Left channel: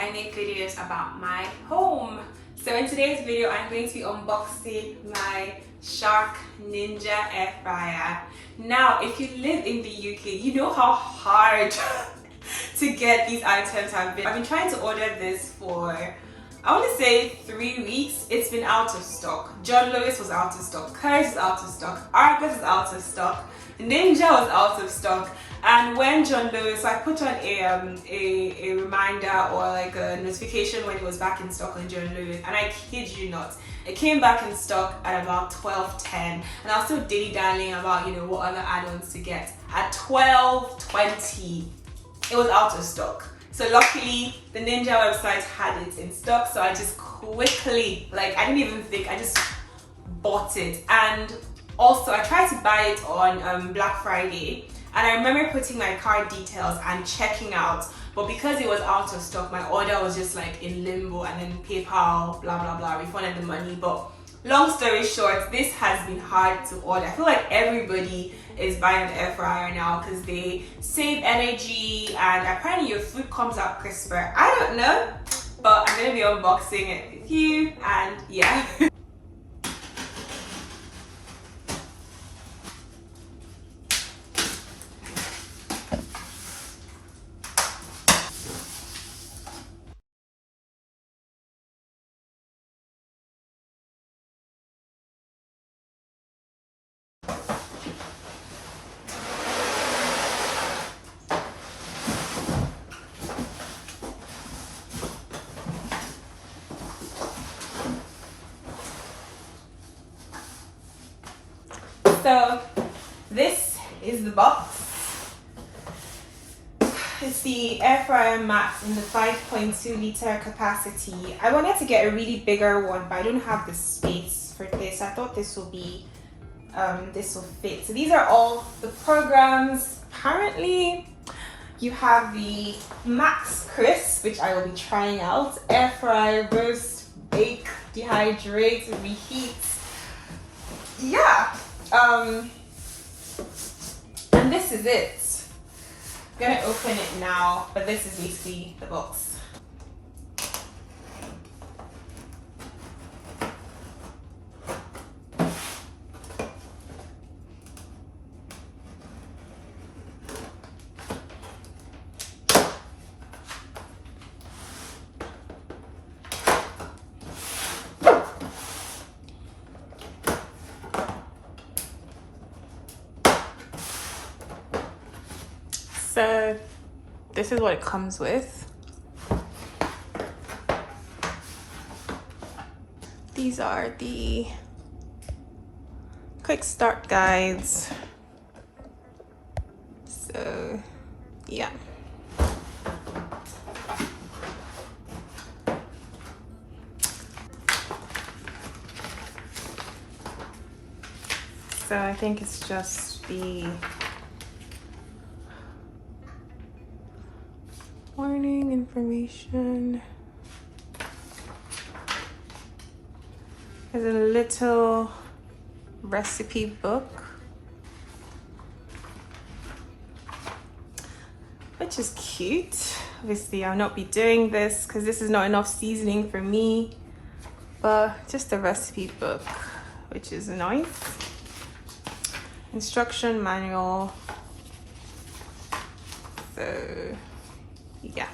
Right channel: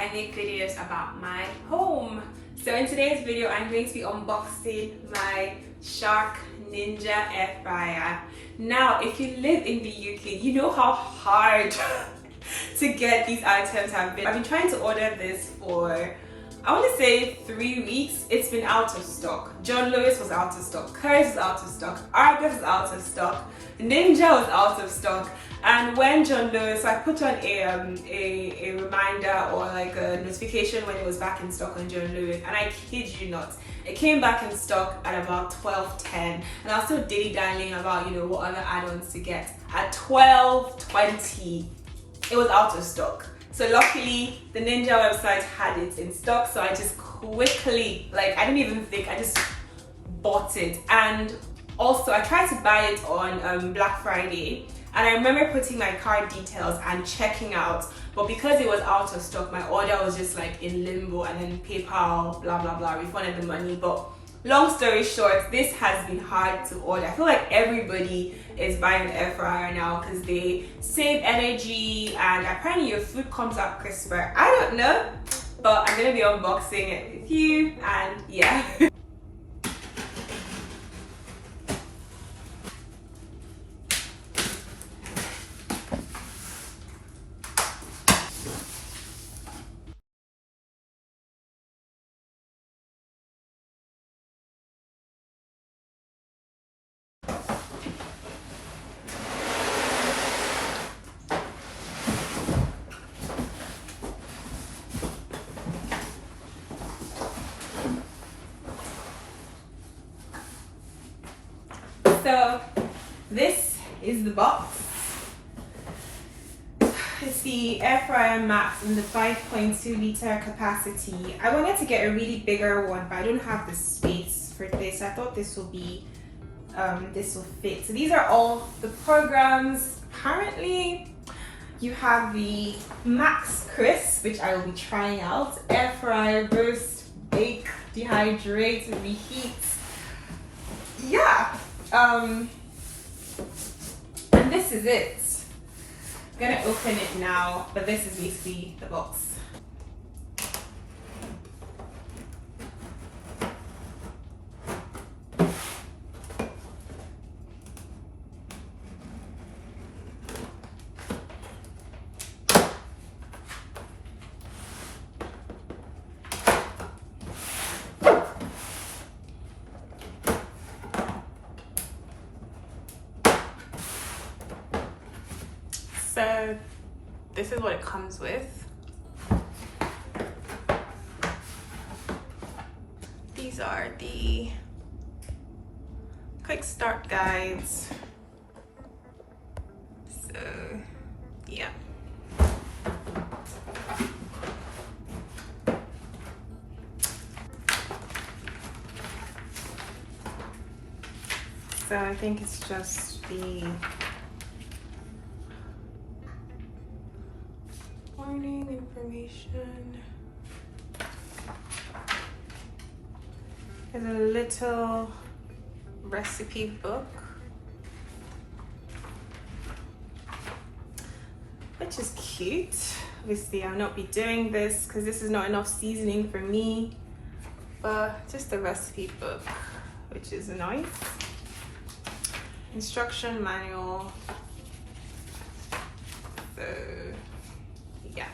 I make videos about my home. So in today's video, I'm going to be unboxing my Shark Ninja Air Fryer. Now, if you live in the UK, you know how hard to get these items have been. I've been trying to order this for, I want to say 3 weeks. It's been out of stock. John Lewis was out of stock. Curry's was out of stock. Argos was out of stock. Ninja was out of stock. And when John Lewis, I put on a reminder or like a notification when it was back in stock on John Lewis, and I kid you not, it came back in stock at about 12:10, and I was still dilly-dallying about, you know, what other add-ons to get. At 12:20, it was out of stock. So luckily, the Ninja website had it in stock, so I just quickly, like, I didn't even think, I just bought it. And also, I tried to buy it on Black Friday, and I remember putting my card details and checking out, but because it was out of stock, my order was just like in limbo, and then PayPal, blah, blah, blah, refunded the money. But long story short, this has been hard to order. I feel like everybody is buying an air fryer now because they save energy and apparently your food comes out crisper. I don't know, but I'm gonna be unboxing it with you, and yeah. So this is the box. It's the Air Fryer Max in the 5.2 liter capacity. I wanted to get a really bigger one, but I don't have the space for this. I thought this will be, this will fit. So these are all the programs. Apparently, you have the Max Crisp, which I will be trying out. Air fry, roast, bake, dehydrate, reheat. Yeah. And this is it. I'm gonna open it now, but this is basically the box. So this is what it comes with. These are the quick start guides. So yeah. So I think it's just the warning information. There's a little recipe book, which is cute. Obviously, I'll not be doing this because this is not enough seasoning for me, but just a recipe book, which is nice. Instruction manual. So yeah.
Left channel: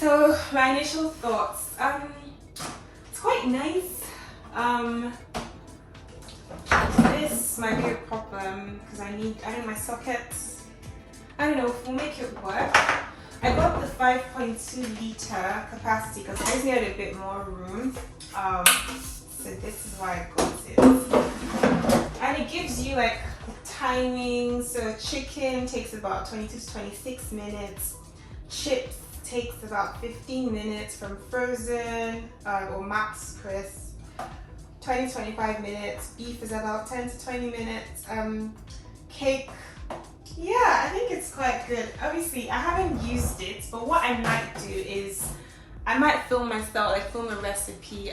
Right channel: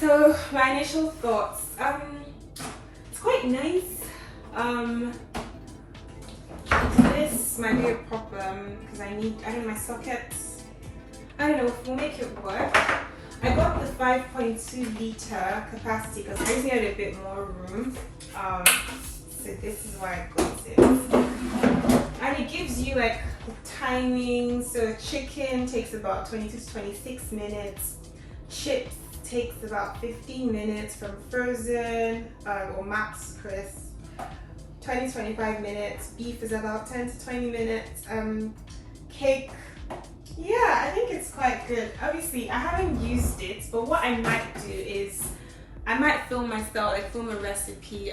So my initial thoughts, it's quite nice. This might be a problem because I need my sockets. I don't know, we'll make it work. I got the 5.2 liter capacity because I just needed a bit more room. So this is why I got it. And it gives you like the timing. So chicken takes about 22 to 26 minutes. Chips takes about 15 minutes from frozen or max crisp. 20 to 25 minutes. Beef is about 10 to 20 minutes. Cake, yeah, I think it's quite good. Obviously, I haven't used it, but what I might do is I might film myself, like film a recipe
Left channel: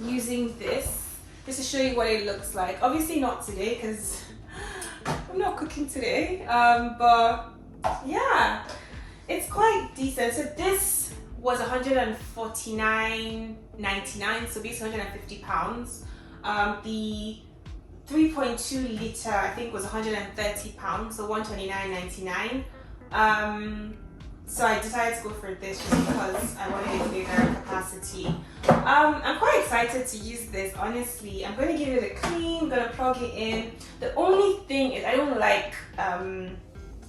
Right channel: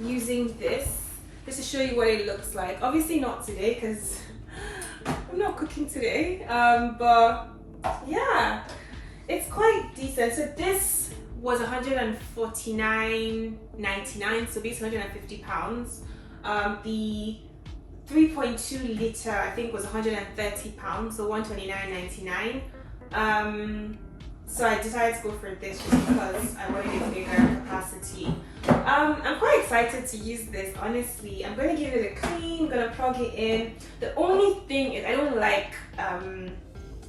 using this just to show you what it looks like. Obviously not today because I'm not cooking today, but yeah, it's quite decent. So this was $149.99, so basically £150. The 3.2 liter I think was £130, so £129.99. So I decided to go for this just because I wanted a bigger capacity. I'm quite excited to use this, honestly. I'm going to give it a clean, I'm going to plug it in. The only thing is I don't like, I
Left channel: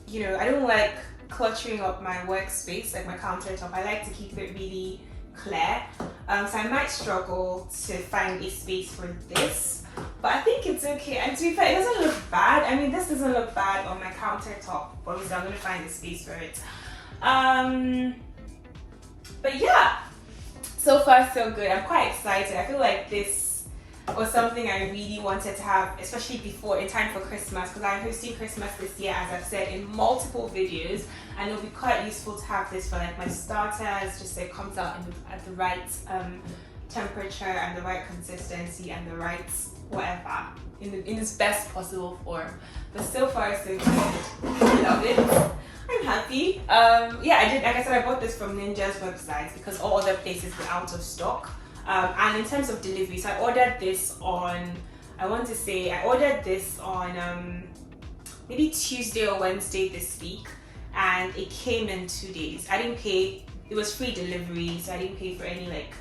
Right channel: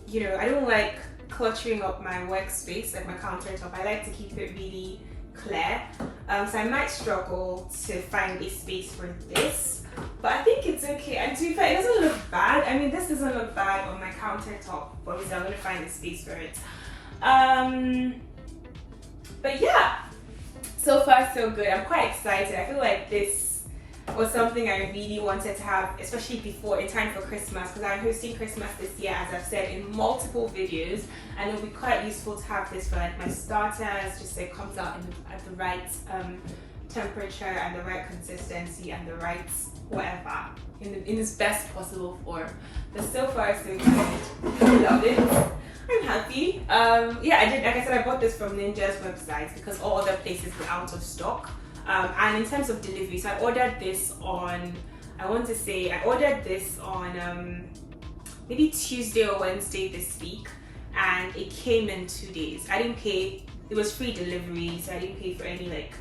don't like cluttering up my workspace, like my countertop. I like to keep it really clear. So I might struggle to find a space for this, but I think it's okay. And to be fair, it doesn't look bad. I mean, this doesn't look bad on my countertop, but obviously I'm going to find a space for it. But yeah, so far so good. I'm quite excited. I feel like this was something I really wanted to have, especially before in time for Christmas, because I'm hosting Christmas this year, as I've said in multiple videos, and it'll be quite useful to have this for like my starters, just so it comes out at the right temperature and the right consistency and the right whatever in its best possible form. But so far so good. I love it. I'm happy. Yeah, I did, like I said, I bought this from Ninja's website because all other places were out of stock. And in terms of delivery, so I ordered this on, I ordered this on maybe Tuesday or Wednesday this week, and it came in 2 days. I didn't pay, it was free delivery, so I didn't pay for any like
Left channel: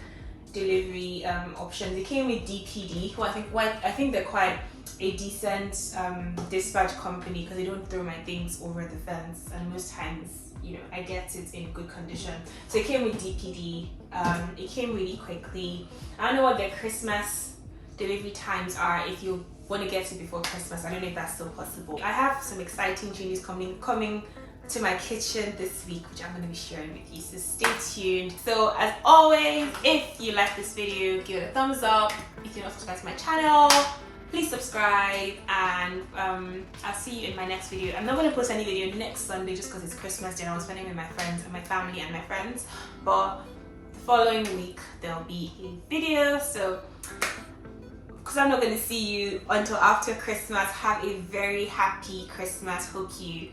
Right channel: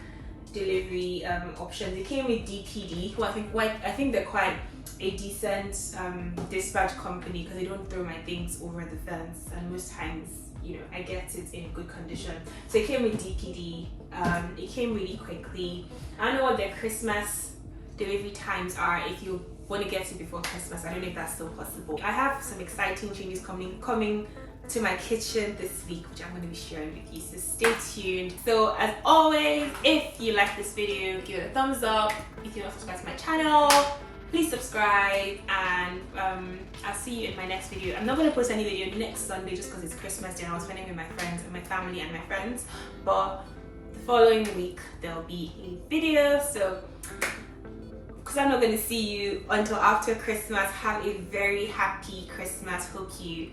delivery options. It came with DPD, who I think they're quite a decent dispatch company because they don't throw my things over the fence, and most times, I get it in good condition. So it came with DPD. It came really quickly. I don't know what their Christmas delivery times are if you want to get it before Christmas. I don't know if that's still possible. I have some exciting changes coming to my kitchen this week, which I'm going to be sharing with you, so stay tuned. So as always, if you like this video, give it a thumbs up. If you're not subscribed to my channel, please subscribe, and I'll see you in my next video. I'm not going to post any video next Sunday just because it's Christmas Day and I was spending with my friends and my family and my friends, but the following week there'll be a video. So because I'm not going to see you until after Christmas, have a very happy Christmas. Hope you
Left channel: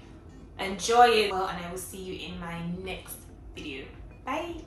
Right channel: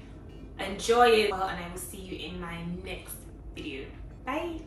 enjoy it well, and I will see you in my next video. Bye.